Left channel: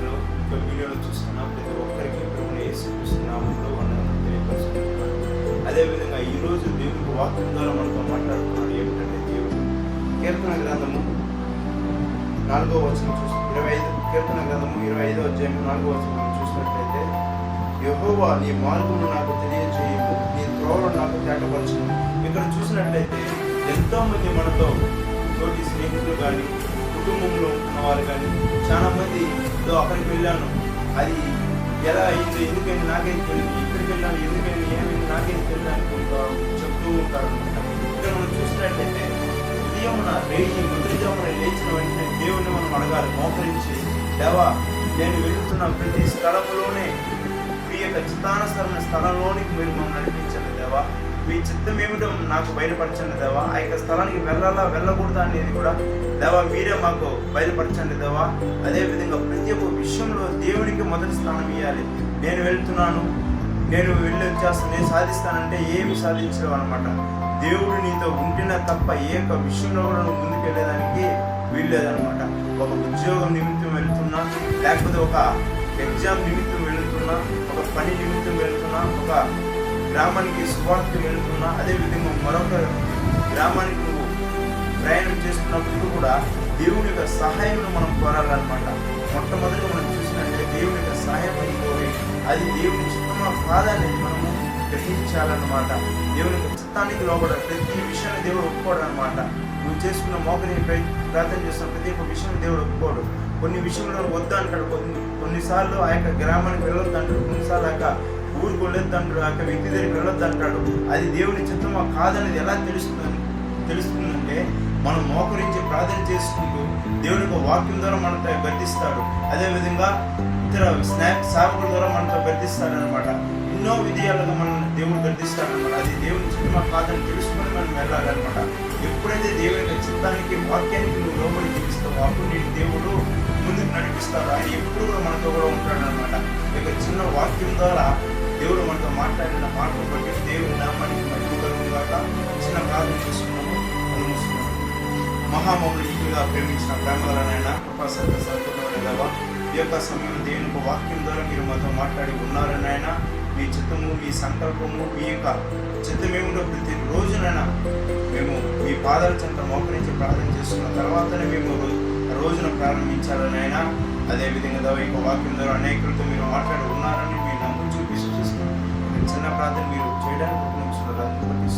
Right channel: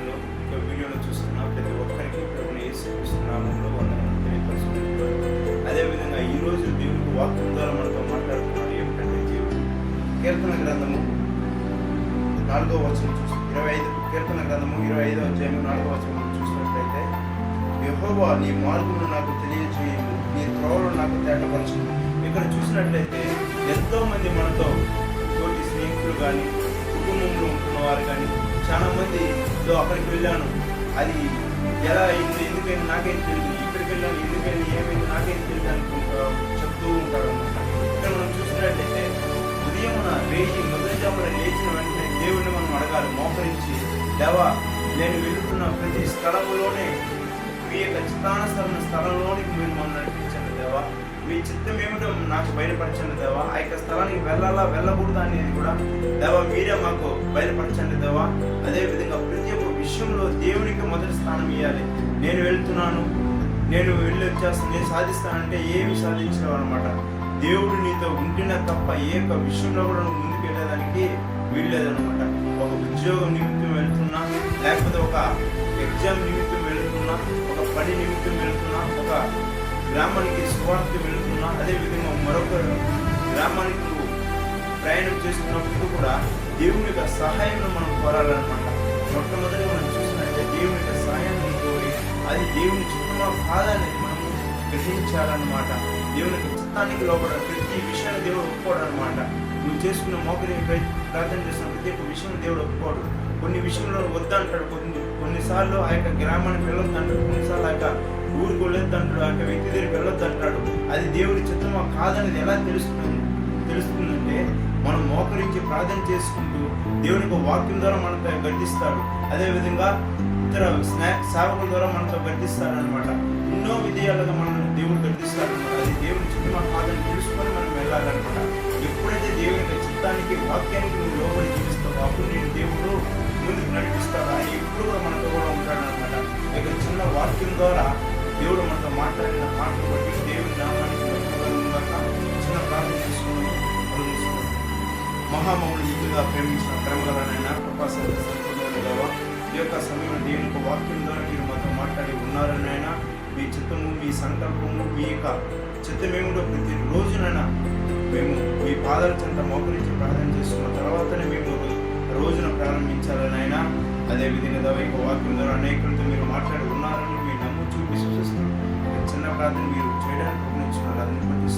సమయంలో ఇక్కడ వీడియోను చూస్తున్న ప్రతి ఒక్కరికి ప్రభుని ఏసుకున్నామంలో వందనం తెలియపరుచుకుంటున్నాను అదేవిధంగా ఈరోజు దేవుడు వాక్యం ద్వారా మనతో మాట్లాడుతున్నది ఏమిటంటే దేవుడు. కీర్తన గ్రంథము నాలుగో వచనం చూసి ఇరవై ఐదు కీర్తన గ్రంథము ఇరవై ఐదో అధ్యాయం నాలుగో వచనం చూసినట్లయితే యహోవా నీ మార్గము నాకు తెలియజేయము నీ త్రోవలు నాకు తేటపరచు ఇక్కడ చూసినట్లయితే ఎంతోమంది మనతో తోటి స్నేహితులు కానీ కుటుంబంలో ఉన్నవారు కానీ చాలా మంది అక్కడికి వెళ్ళాను. అది ఎలా అయింది? ఎందుకైనా నాకేం తెలియదు ఇక్కడికి వెళ్ళాను ఎందుకైనా ఏమైంది? నాకేం తెలియదు అనుకుంటా చెప్తూ ఉంటారు ఇక్కడ మనం చూసినట్లయితే ఉదయమున వేయి మొదటిజామున లేచిన వెంటనే దేవుడిని మనం అడగాలి. మోకరించి దేవా నేను వెళుతున్న ప్రతి స్థలంలోనే మీ యొక్క చిత్తానుసరణ స్థలంలోనికి మీరు మమ్మల్ని నడిపించండి దేవా. మీ చిత్తం ఏమిటో నాకు బయలుపరచండి దేవా. ఆ యొక్క స్థలానికి వెళ్ళాలా వెళ్ళకూడదా అనేది కూడా దేవా మీరే మాకు బయలుపరచండి దేవా. అదేవిధంగా ప్రతి ఒక్క విషయంలో దేవునికి మొదటి స్థానం ఇవ్వాలి నేను వెళ్తున్నాను నేను వెళ్ళి వచ్చేస్తాను నేను సాధిస్తానంటే ఏమి సాధించడం అనమాట దేవుడు నీతో ఉంటేనే తప్ప ఏ యొక్క విషయంలో కూడా నువ్వు ముందుకు వెళ్ళేదానికి వీల్లేదనమాట ఒక ఉద్యోగం నిమిత్తం వెళ్తున్నా లేకపోతే ఒక ఎగ్జామ్ నిమిత్తం వెళుతున్నా ఒక పని నిమిత్తం వెళుతున్నా ఒక గ్రామానికి స్వార్థకు వెళుతున్నా అదేవిధంగా మరొక గ్రామానికి నువ్వు ప్రయాణం చేస్తున్నప్పుడు కూడా దేవుని యొక్క సహాయం మనం కోరాలన్నమాట. మొట్టమొదటి మనం చూసినట్టే దేవుని యొక్క సహాయం కోరి అది దేవుని చిత్తమా కాదని మనము గ్రహించాలన్నమాట. దేవుని యొక్క చిత్తానికి లోపల ప్రతి విషయాన్ని దేవుడు ఒప్పుకోడు అనమాట నువ్వు చేసుకున్న మోకరి ప్రార్థన చేసిన ప్రతి ఒక్క విషయం దేవుడు ఒప్పుకోడు. కొన్ని విషయంలో వద్దంటాడు కొన్ని కొన్నిసార్లు ఆ యొక్క గ్రామానికి వెళ్ళొద్దంటాడు కొన్నిసార్లు ఆ యొక్క ఊరుకోలేదంటాడు అక్కడ వ్యక్తి దగ్గరికి వెళ్ళొద్దంటాడు అది దేవుని చిత్తమా కాదనేది ఎలా తెలుస్తుంది? తెలుస్తుందంటే మనం మోకరించి ప్రార్థన చేసుకుంటూ దేవుని వాక్యం ద్వారా మనతో గర్దిస్తాడు అదేవిధంగా ఇతర స్నాక్ సేవకుల ద్వారా మనతో గర్దిస్తాడనమాట ఎన్నో విధయాలుగా మనం దేవుడు గర్దిస్తాడనమాట అది దేవుని చిత్తమా కాదని తెలుసుకొని మనం వెళ్ళాలన్నమాట. ఎప్పుడైతే దేవుని యొక్క చిత్తానికి వాక్యానికి నువ్వు లోబడి చూపిస్తావు అప్పుడు నేను దేవుడు ముందుకు నడిపిస్తాడు? ఆయన ఎప్పుడు కూడా మనతో కూడా ఉంటాడనమాట ఇక్కడ చిన్న వాక్యం ద్వారా దేవుడు మనతో మాట్లాడిన మాటలు బట్టి దేవుని నామానికి మహిమ కలుగుగాక చిన్న ప్రార్థన చేసుకున్నాము. కలుగుతున్నాము మహామౌలు ఇంటిగా ప్రేమించిన ప్రేమగలనైనా కృపాసంత సంపూర్ణమైన దేవా ఈ యొక్క సమయంలో దేవుని యొక్క వాక్యం ద్వారా మీరు మాతో మాట్లాడి ఉన్నారనైనా మీ చిత్తము మీ సంకల్పము మీ యొక్క చిత్తమేమిటో ప్రతి రోజునైనా మేము మీ పాదాల చెంత మోకరించి ప్రార్థన చేసుకున్న తర్వాతనే మేము రోజున రోజున ప్రారంభించాలనైనా అదేవిధంగా దేవ యొక్క వాక్యం ద్వారా అనేకులతో మీరు మాట్లాడి ఉన్నారని మీ చిన్న ప్రార్థన మీరు చేయడానికి ప్రయత్నించున్నారు అందుకు బట్టి